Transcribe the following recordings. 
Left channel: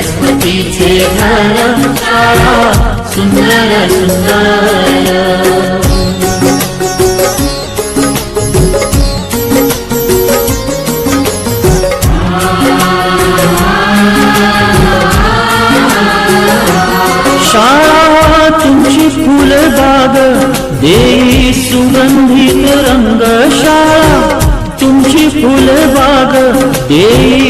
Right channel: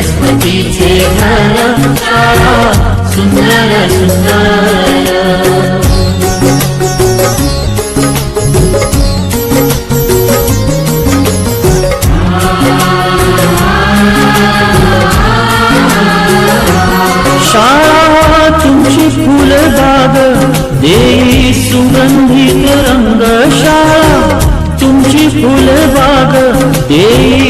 सरस्वतीचे घर सुंदर सुंदर शाळा तुमची फुलबाग देई सुगंधित रंग शाळा तुमची फुलबाग देई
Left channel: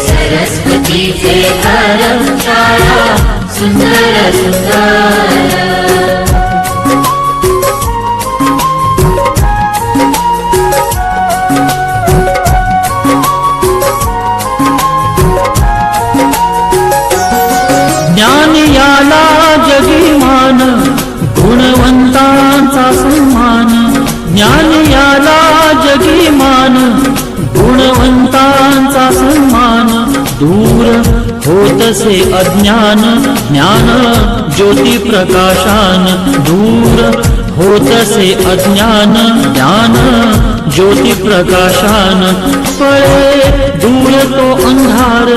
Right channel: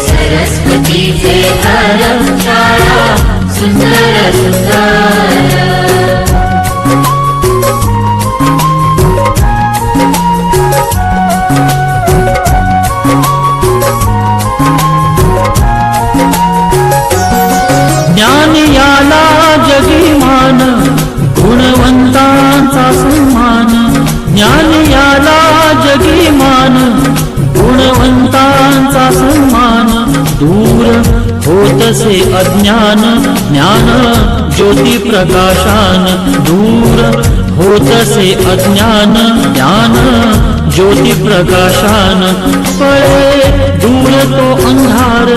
सरस्वती सरस्वतीचे घर शाळा सुंदर सुंदर ज्ञान याला जगिमान गुणवंतांचा सन्मान. ज्ञान याला गुणवंतांचा सन्मान. दूर होतसे अज्ञान ज्ञान ज्योती प्रकाशान। दूर होतसे अज्ञान ज्ञान ज्योती प्रकाशान। पळे दूर तो अंधार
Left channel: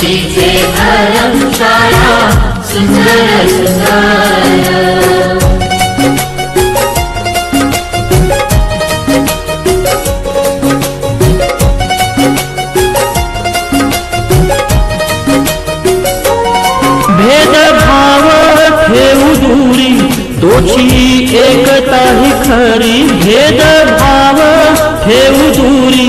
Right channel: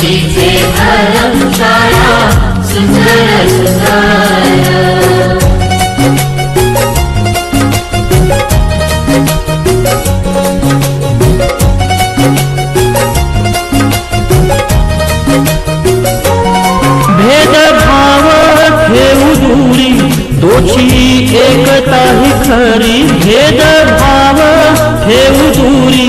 सरस्वतीचे घर शाळा सुंदर सुंदर भेदभाव ठेवू दूरी दोची एकता ही खरी। भेदभाव ठेवू दूरी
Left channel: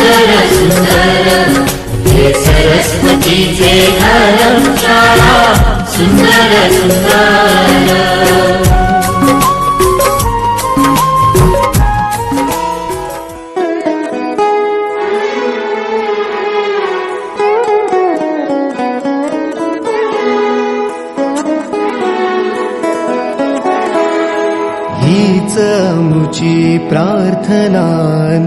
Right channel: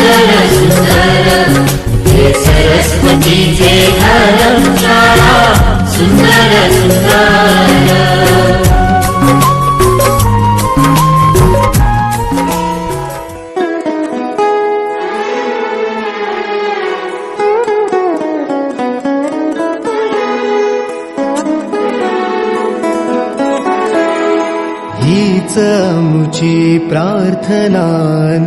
सुंदर सुंदर हे सरस्वतीचे घर सुंदर सुंदर हीच मुची प्रार्थनान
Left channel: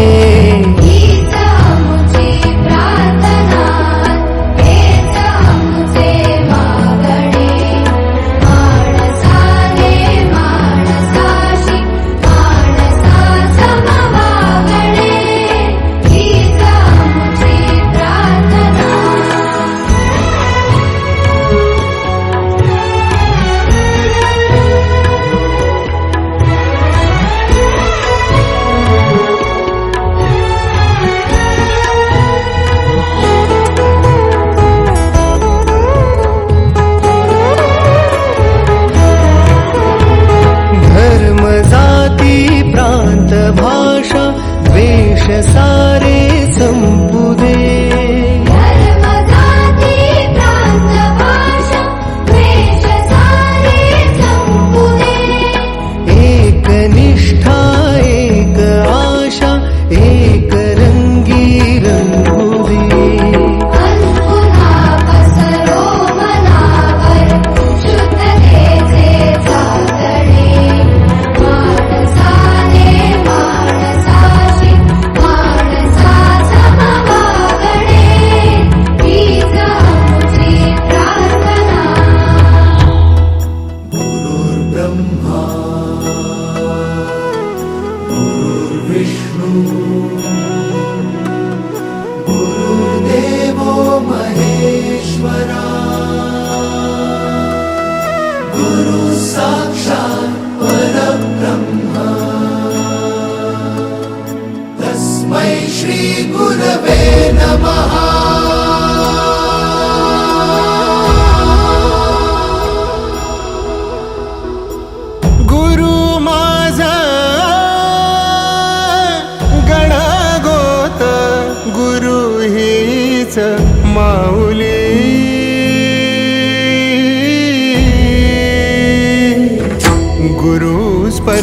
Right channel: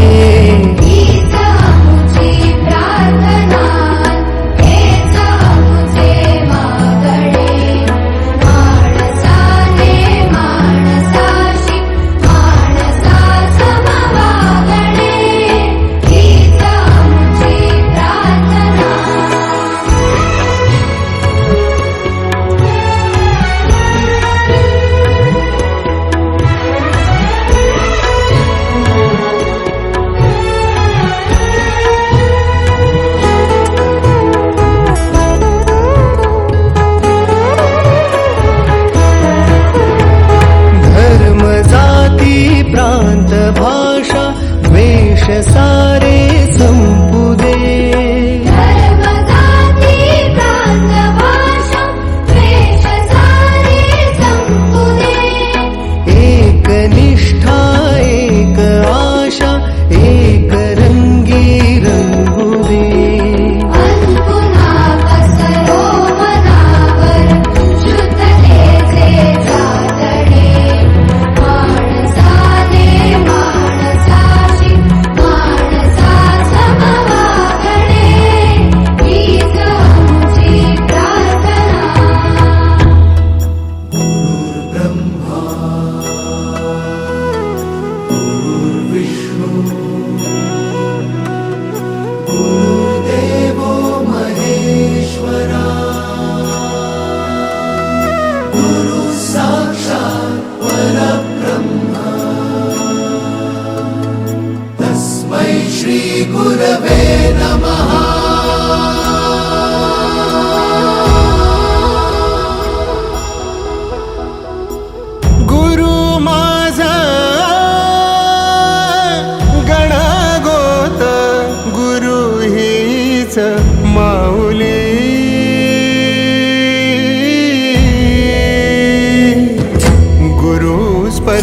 解散。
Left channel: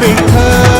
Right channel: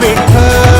भेटला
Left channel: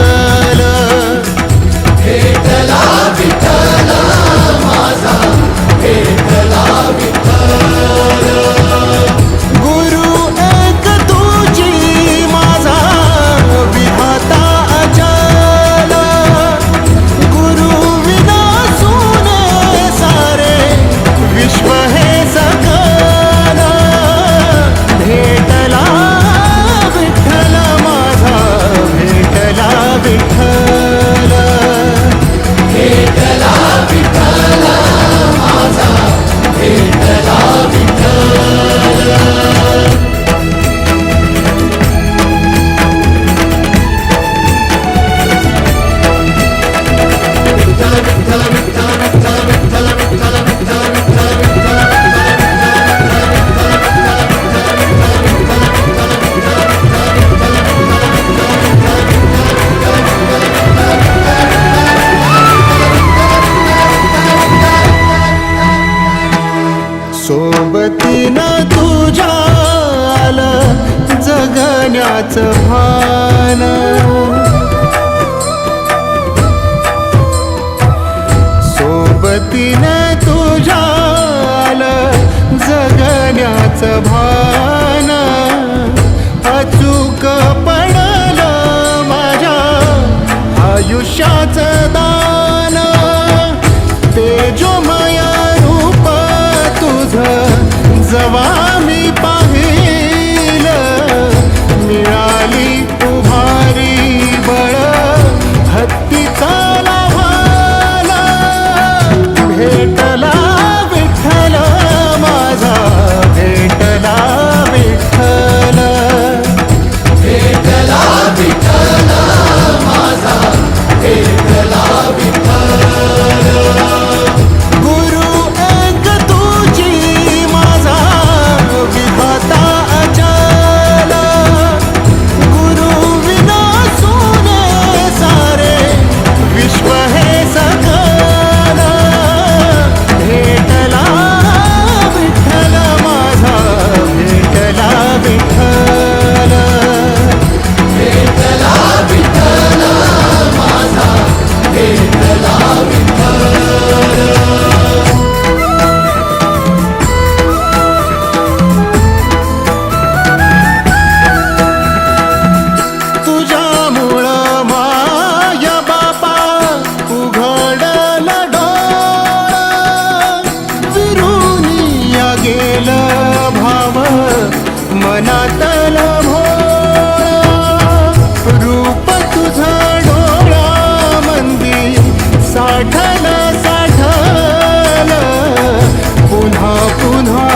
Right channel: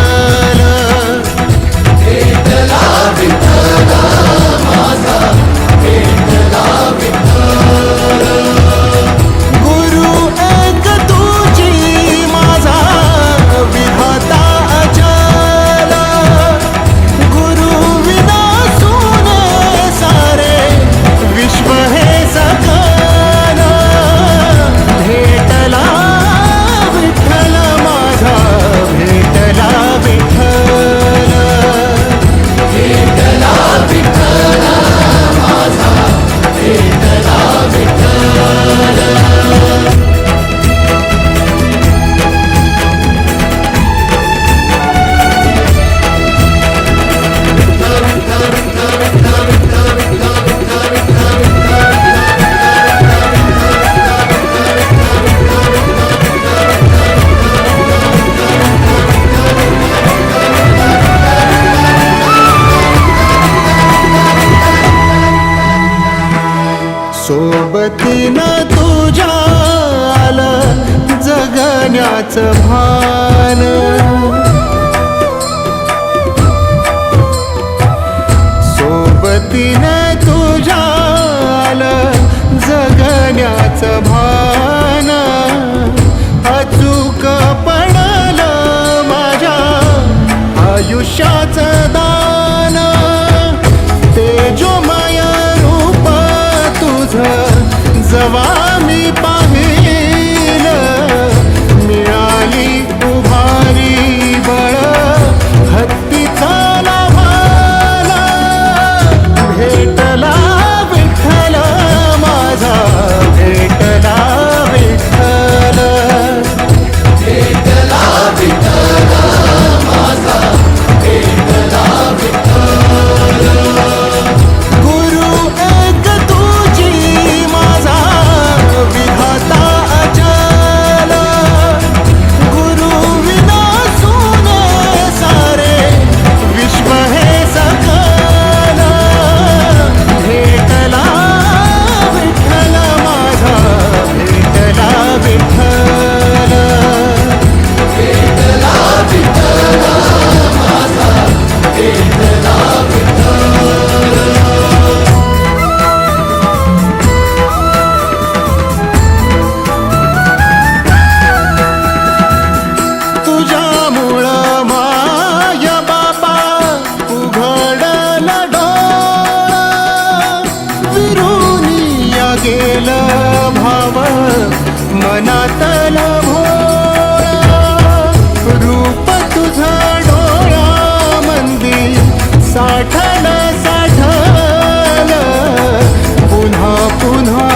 तुझ्या आलं जगण्याचं भान. सोबतीनं तुझ्या आलं जगण्याचं भान. अचूक पडलं माझ्या आयुष्याचं दान. तेजोमय रूप तुझं जवा मी पाहिल मिळाली उभारी बळ हत्तीचा मनातल भोळा रूप तुझा डोळा मंदिर साठल साठल. पुन्हा पुन्हा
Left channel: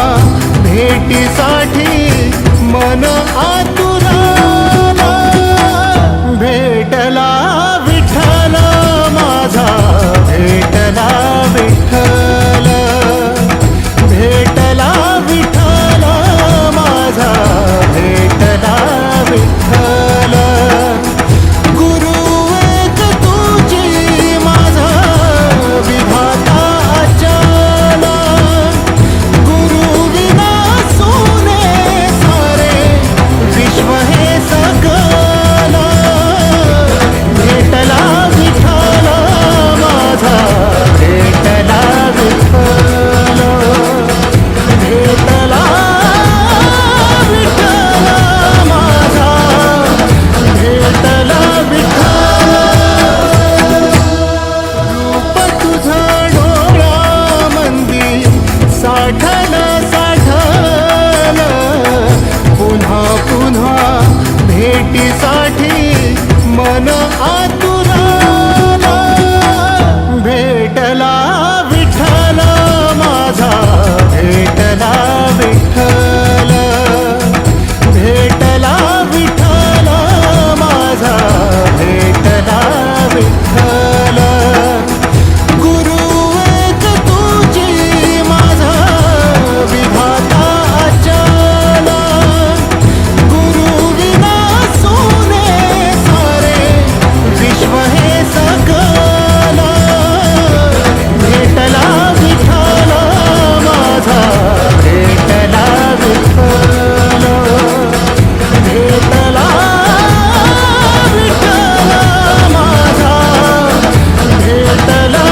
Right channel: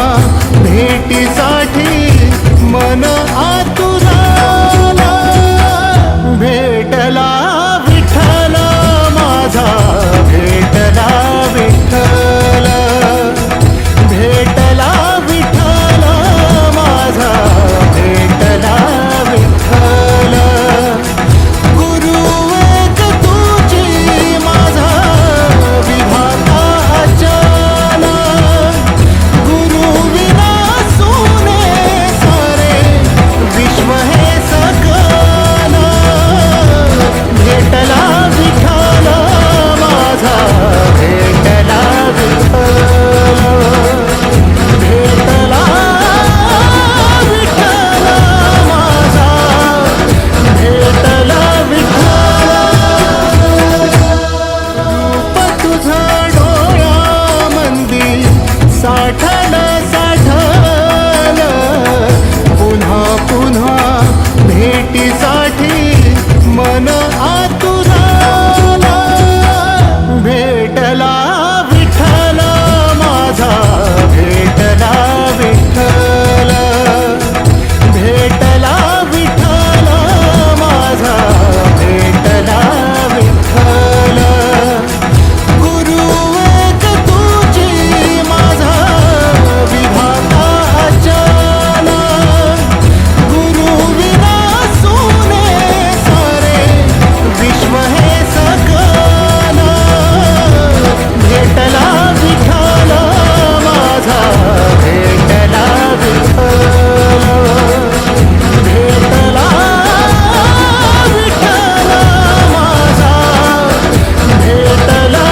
भेटीसाठी मन आतू विठ्ठल साठल साठल पुन्हा पुन्हा भेटीसाठी मन आतुराला. भेटला विठ्ठल माझा भेटला विठ्ठल. भेटला विठ्ठल माझा भेटला विठ्ठल. भेटला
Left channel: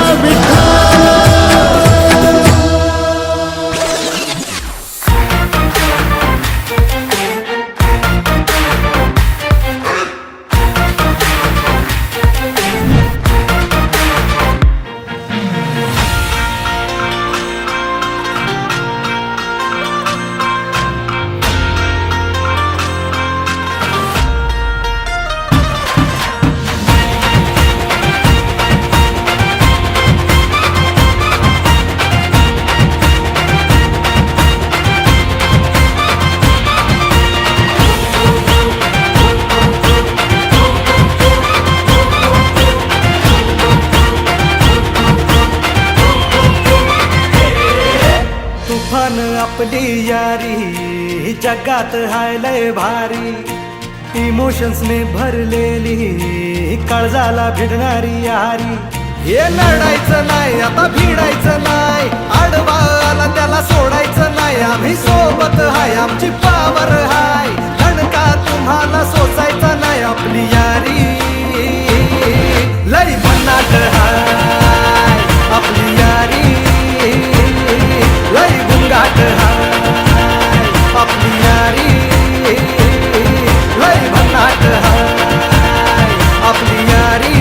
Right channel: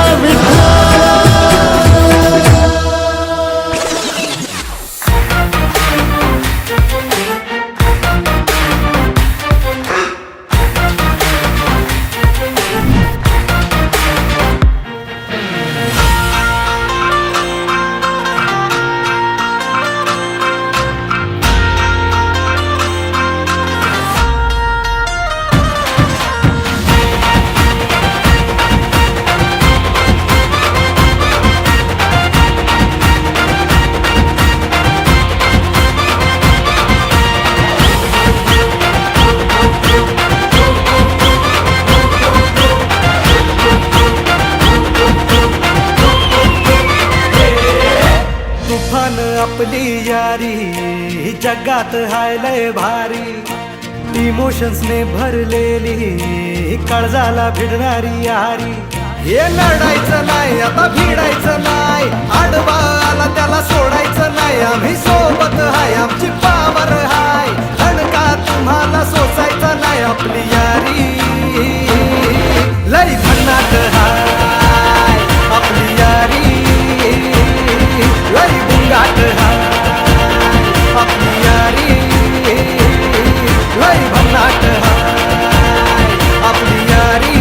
जगात हाय लय भारी. इमोशन्स ने भरलेली काळजाला भिडणारी यारी. हे लढायचं नाही आता भिडायचं नाही. आडवा आला त्याला सोडायचं नाही. आम्ही सोबत हाय आमची पावर हाय. धणका तुम्हाला सोसायचा नाही आपली यारी. लई भन्नाट हाय आपली यारी. लई गुंगाट हाय. आपली यारी लय भन्नाट हाय. आपली यारी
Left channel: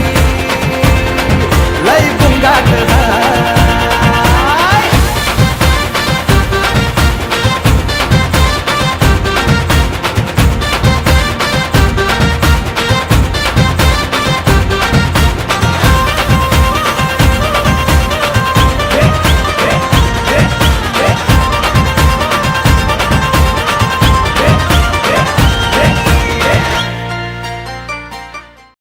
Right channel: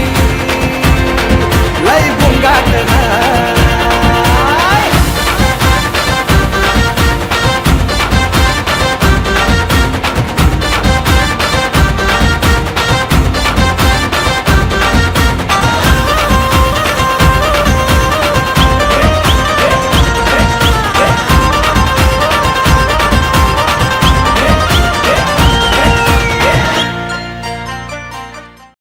लय बुंगाट हाय.